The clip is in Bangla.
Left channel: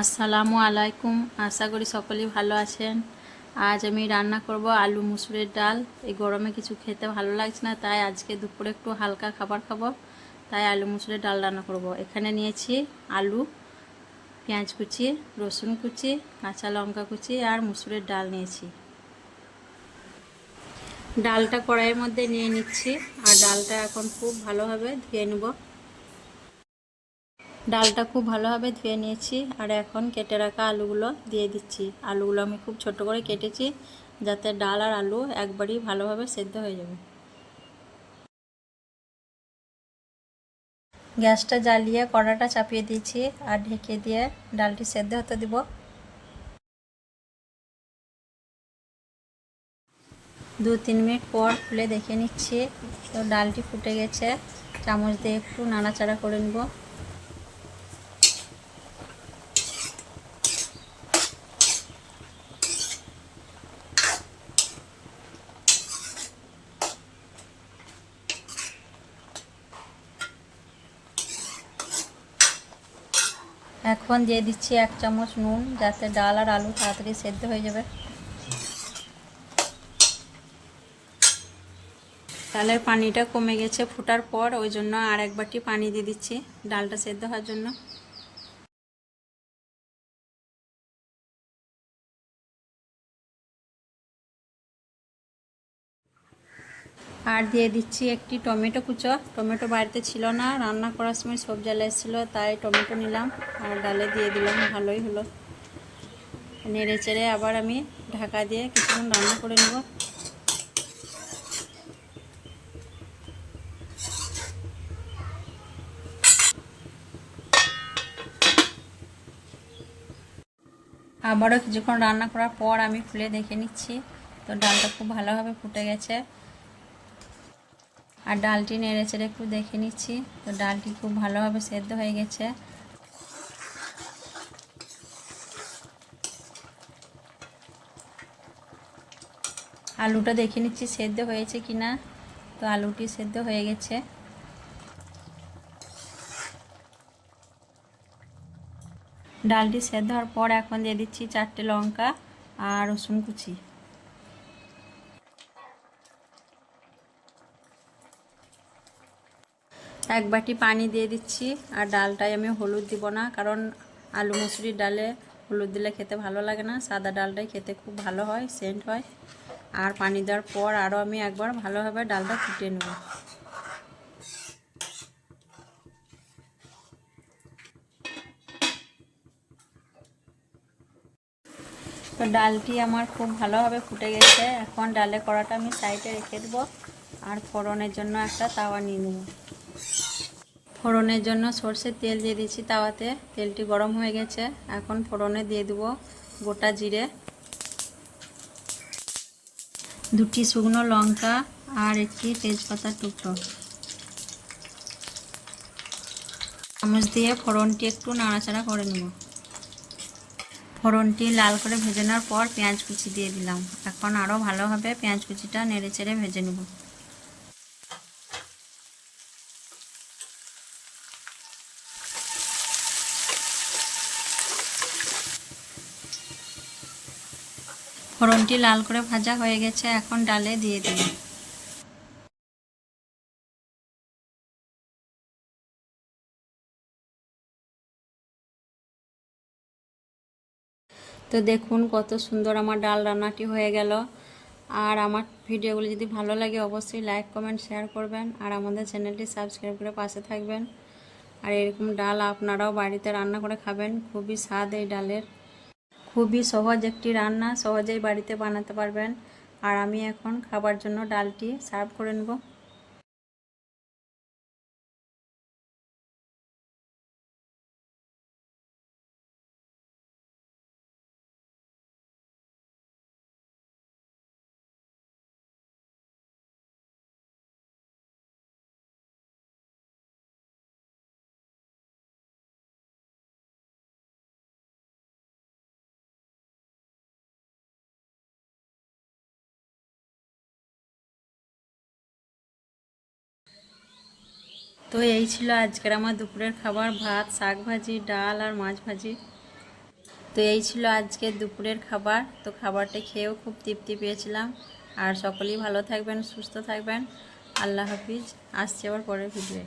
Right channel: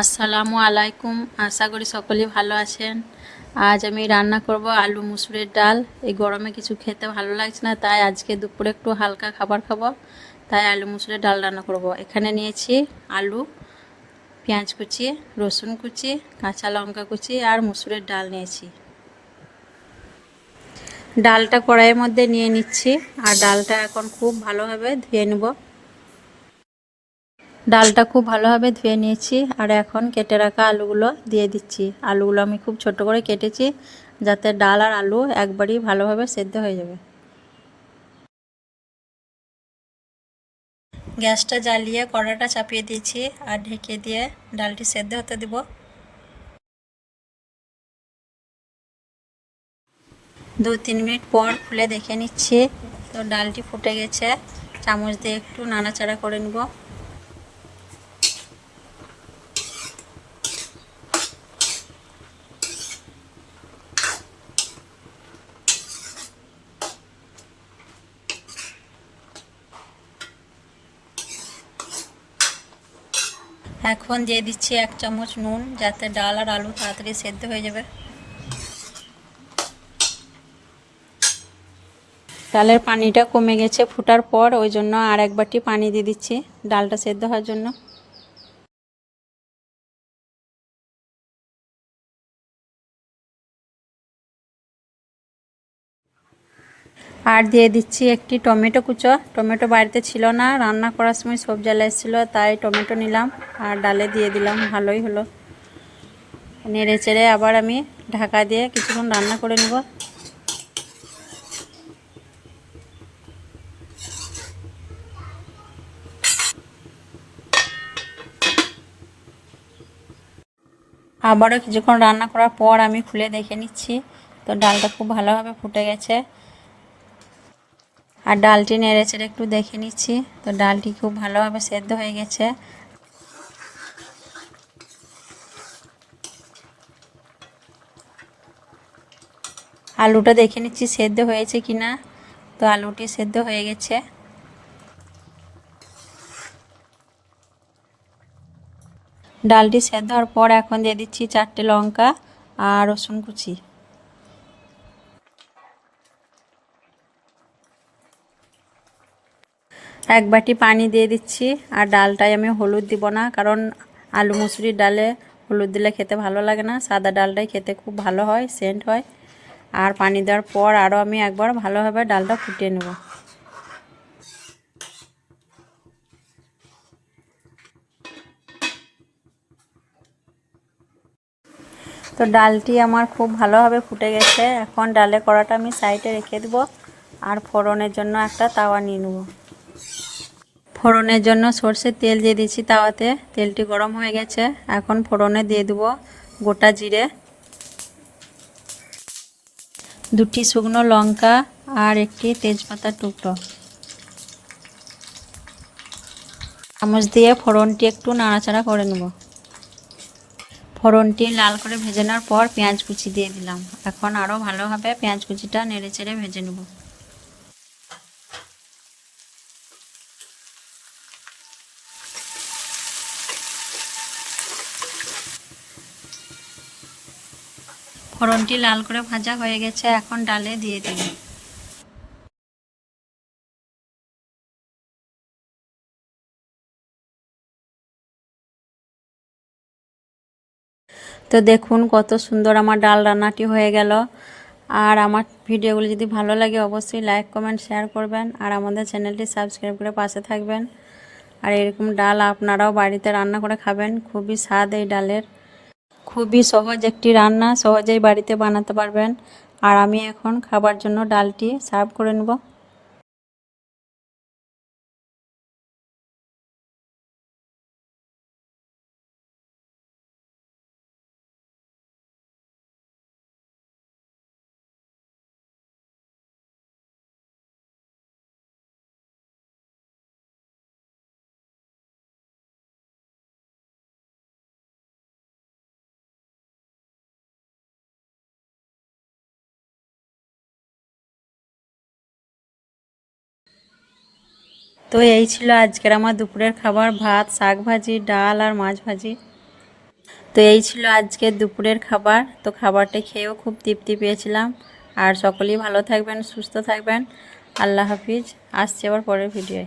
আসসালামু আলাইকুম। আশা করি সকলেই ভালো আছেন। আজ আমি রান্না করব আলু মুসুরের ডাল। এই গরমে কিছু খেতে ভালো লাগছে না, তাই আজকে দুপুরে একটু হালকা খাবার খাবো, তাই আলু মুসুরের ডাল রান্না করব। এখানে নিয়েছি আলু, পেঁয়াজ কুচি, রসুন কুচি, কাঁচা লঙ্কা কুচি আর মুসুরের ডাল নিয়েছি। ডালটা কড়াইয়ের মধ্যে নিয়ে নিচ্ছি আর ডালটা এখন খুব ভালোভাবে ধুয়ে নেব। ডালটা খুব ভালোভাবে ধুয়ে নিয়েছি আর এখন কেটে রাখা আলুগুলো দিয়ে দিচ্ছি। আলুগুলো আমি খুব ছোট করে কেটেছি যাতে ডাল আর আলু একবারই ভালোভাবে সেদ্ধ হয়ে যাবে। গ্যাসটা জ্বালিয়ে কড়াটা চাপিয়ে দিয়েছি আর ঢেকে দিয়ে ডালটি সেদ্ধ হতে দেব। 2-3 মিনিট পর খুলে দেখে নিচ্ছি, তো ডালটি ফুটে গেছে। চামচ দিয়ে একটু নাড়াচাড়া করে নেব। এখন দিয়ে দিচ্ছি 1 চামচ নুন, যাতে ডাল আর আলু তাড়াতাড়ি সেদ্ধ হয়ে যাবে। ডালের পানিটা কমে গেছে ফুটার পর, ওই জন্য আর এক বাটি পানি দিয়ে দিচ্ছি ডালটা সেদ্ধ হওয়ার জন্য। আর দিয়ে দিচ্ছি একটি টমেটো কুচো। টমেটো বাড়িতে ছিল না, রান্না করার সময় সবজি আলা এসেছিলো, তাই টমেটো নিলাম আর ডালে দিয়ে দিলাম, ভালোই হলো। নেড়ে চেড়ে আবার আমি ঢাকা দিয়ে কিছুক্ষণ রান্না করে নেব। আবারও কিছুক্ষণ রান্না করার পর আমি খুলে দেখে নিচ্ছি, তো ডালটা খুব ভালোভাবে ফুটে গেছে। আর ডালটি নেড়ে চেড়ে একটু দেখে নিচ্ছি, তো ডালটি খুব ভালোভাবে সেদ্ধ হয়ে গেছে। আলুটা দেখে নিচ্ছি সেদ্ধ হয়েছে কিনা, তো আলুটি সেদ্ধ হয়ে গেছে। ডালটি সেদ্ধ হওয়ার পর এখন দিয়ে দিচ্ছি 4টে লঙ্কা আর রসুন কুচি। এক বাটি পানি দিয়ে দিচ্ছি। আর ডালটায় আমি হলুদ দিব না, কারণ আলু মুসুরির ডালে হলুদ দিলে খেতে ভালো লাগে না। সাদা ডালটাই খেতে খুব ভালো হয়, সেন্ট হয়। আর পানি দেওয়ার পর আরও আমি একবার ভালোভাবে ডালটা ফুটিয়ে নেব। তো ডালটি আমার খুব ভালোভাবে ফুটে গেছে। এখন ডালের কড়াটা আমি সাইডে রেখে দেবো আর ফোড়নের জন্য একটা তাওয়া নিয়ে নেব। ফোড়নের জন্য সরষের তেল দিয়ে দিচ্ছি তাওয়াতে। তেলটি গরম হয়ে গেছে, এখন ফোড়নে দিয়ে দেবো গোটা জিরে, 2টি শুকনো লঙ্কা আর একটি তেজপাতার টুকরো। চামচ দিয়ে ফোড়নটি একটু নাড়াচাড়া করে নেব। ফোড়নটি লাল করে ভেজে নেওয়ার পর পেঁয়াজ কুচি দিয়ে দিলাম। এখন আরও ভালোভাবে পেঁয়াজ কুচিটা নেড়ে চেড়ে ভেজে নেব। ফোড়নটি লাল করে ভাজা হয়ে গেছে, এখন ডালে দিয়ে দিন। তো দেখুন কত সুন্দর আমার ডাল রান্নাটি হয়ে গেল। আর আমার ভিডিওগুলি যদি ভালো লাগে অবশ্যই লাইক কমেন্ট শেয়ার করবেন আর আমাদের চ্যানেলটি সাবস্ক্রাইব করে পাশে থাকবেন। আর এরকম ডাল আপনারাও বাড়িতে রান্না করে খাবেন, খুবই স্বাদ এই ডালের। খুবই সহজ একটি রান্না, সহজেই বাড়িতে বানাতে পারবেন। আর আমি এখন খাবার জন্য ডালটি সার্ভ করে নেব। তো এই ছিল আজকের আমার দুপুরের খাবার, ভাত, শাক ভাজি, ডাল আর মাছ ভাজি। তো এই ছিল আজকে দুপুরের খাবার। তো খাবারটা খেয়েও খুব তৃপ্তি পেয়েছিলাম। আর সকলেই ভালো থাকবেন, সুস্থ থাকবেন। আল্লাহ হাফিজ। আসছি আবার পরের ভিডিওয়।